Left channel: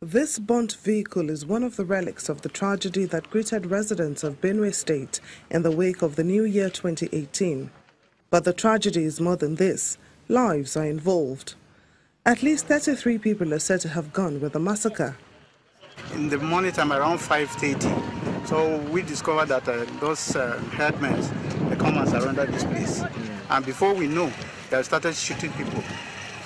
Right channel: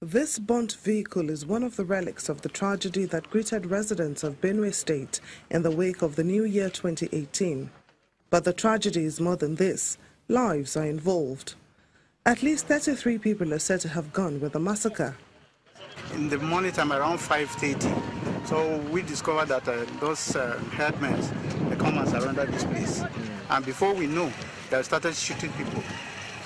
This burnt vehicle is one of the relics of the tragedy that greeted residents of Benue State in the wake of the New Year 2018. But the tragedy is more than this. Lives are involved. At least 33 people are said to have gone with the massacre. In the morning time, around 5:30, so we discovered that those headmen, they come and surrounded this place. And before we know, they started shooting people.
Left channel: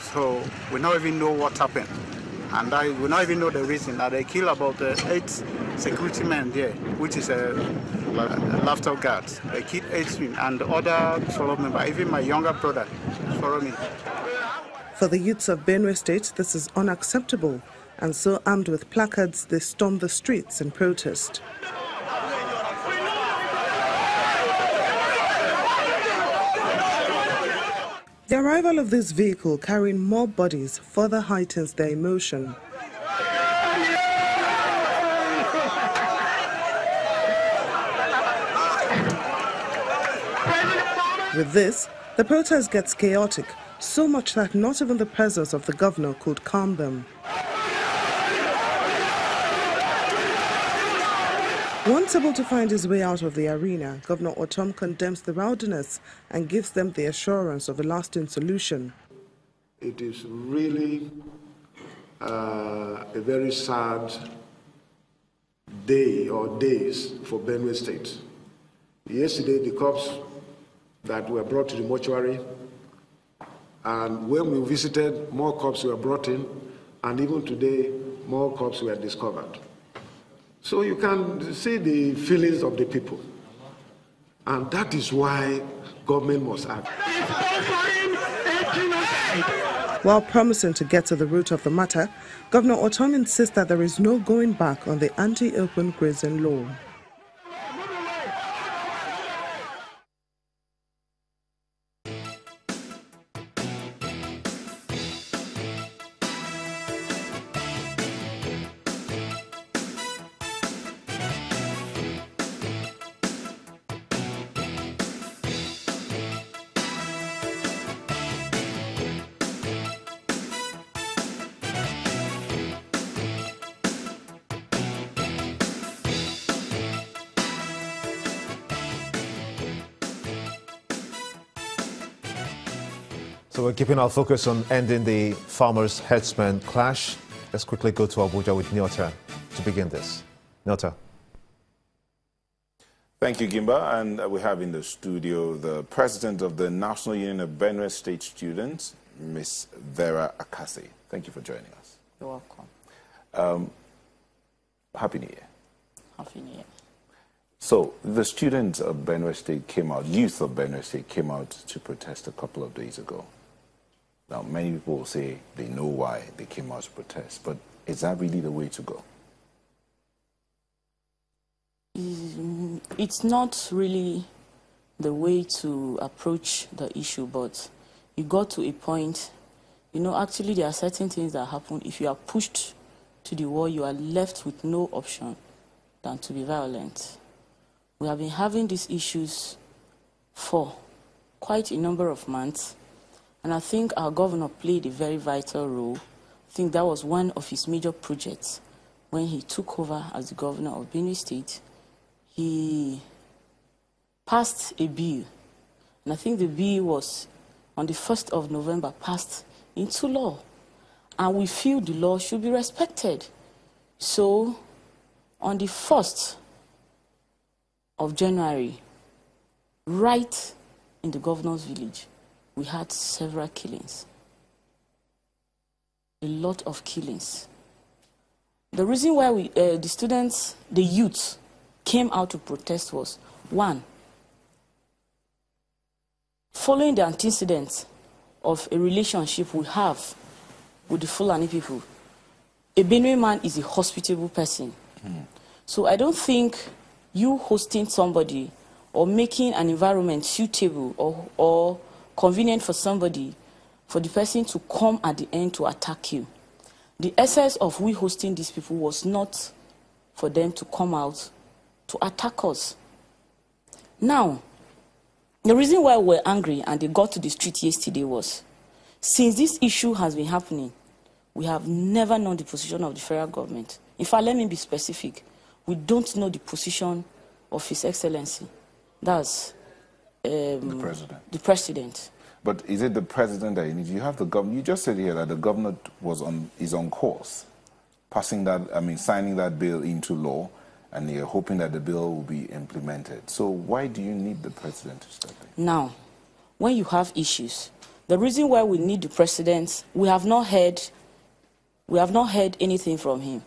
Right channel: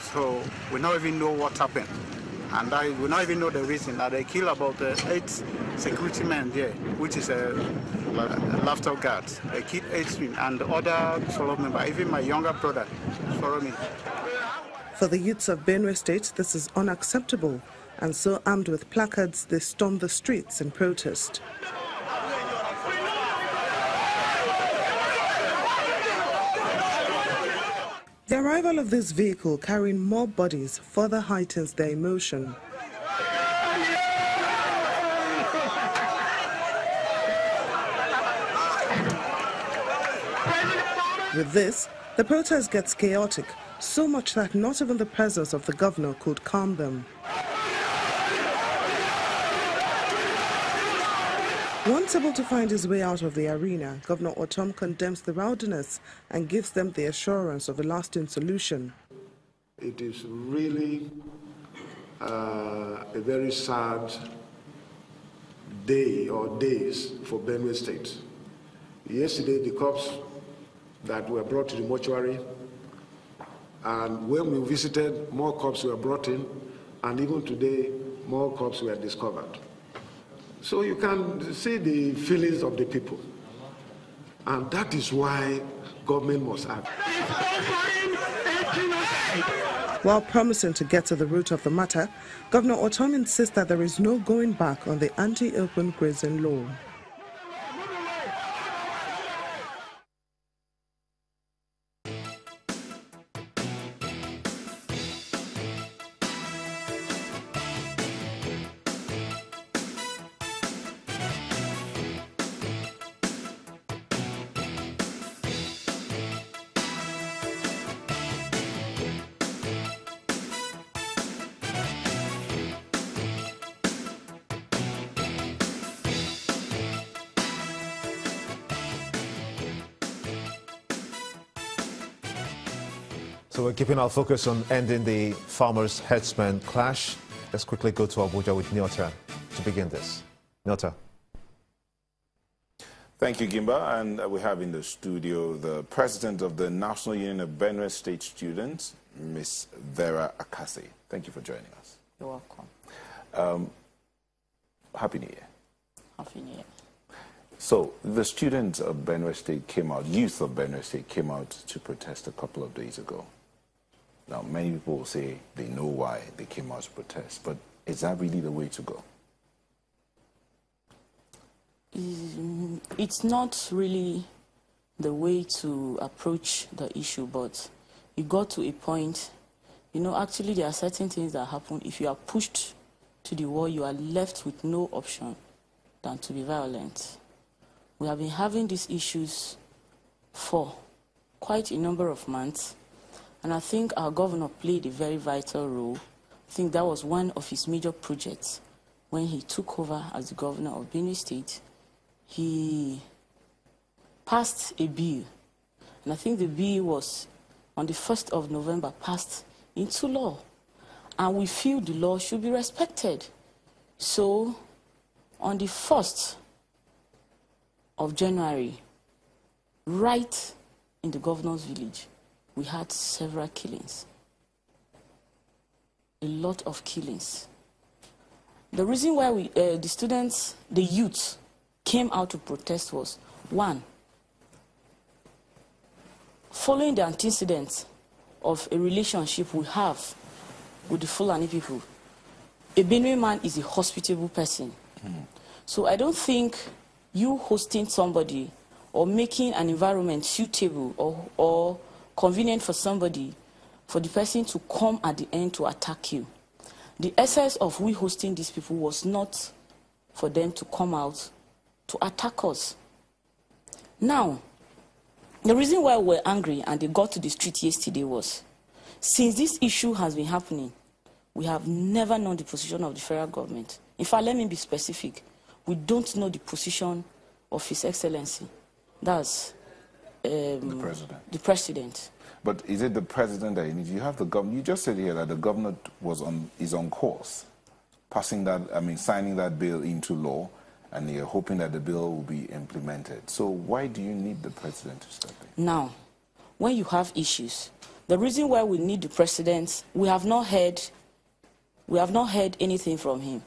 So we don't even know what happened. And we don't even know the reason. That they killed about 8 security men there, which is a laughter guard. They killed 8 men, and the other followed me, but even my younger brother followed me. For the youths of Benue State, this is unacceptable. And so, armed with placards, they stormed the streets in protest. The arrival of this vehicle carrying more bodies further heightens their emotion. With this, the protest gets chaotic, so much that not even the presence of the governor could calm them. Once able to find his way out of the arena, Governor Otom condemns the rowdiness and gives them the assurance of a lasting solution. It is really a very sad day or days for Benue State. Yesterday, the corpse that were brought to the mortuary, and when we visited, more corpses were brought in, and even today, more corpses were discovered. So you can see the feelings of the people. And that is why government must act. While promising to get to the root of the matter, Governor Otom insists that there is no going back on the anti-open grazing law. So we're keeping our focus on ending the farmers-herdsmen clash. Let's quickly go to Abuja with Nyota to begin this. Nyota. Thank you, Gimba. And we have in the studio the president of the National Union of Benue State Students, Ms. Vera Akasi. Thank you for joining us. You're welcome. Happy New Year. Happy New Year. So the students of Benue State came out, youth of Benue State came out to protest a couple of days ago. Now, many people will say they know why they came out to protest, but is that really the way to go? It's not really the way to approach the issue, but you got to a point, actually there are certain things that happen. If you are pushed to the wall, you are left with no option than to be violent. We have been having these issues for quite a number of months, and I think our governor played a very vital role. I think that was one of his major projects when he took over as the governor of Benue State. He passed a bill, and I think the bill was on the 1st of November passed into law, and we feel the law should be respected. So on the 1st of January, right in the governor's village, we had several killings, a lot of killings. The reason why the students, the youth, came out to protest was, one, following the antecedents of a relationship we have with the Fulani people. A Benue man is a hospitable person. So I don't think you hosting somebody or making an environment suitable or convenient for somebody, for the person to come at the end to attack you. The essence of we hosting these people was not for them to come out to attack us. Now, the reason why we're angry and they got to the street yesterday was, since this issue has been happening, we have never known the position of the federal government. In fact, let me be specific. We don't know the position of His Excellency. That's the president. The president. But is it the president that you need? You have the government. You just said here that the government is on course, passing that. I mean, signing that bill into law, and you're hoping that the bill will be implemented. So why do you need the president to step in? Now, when you have issues, the reason why we need the president, we have not heard anything from him.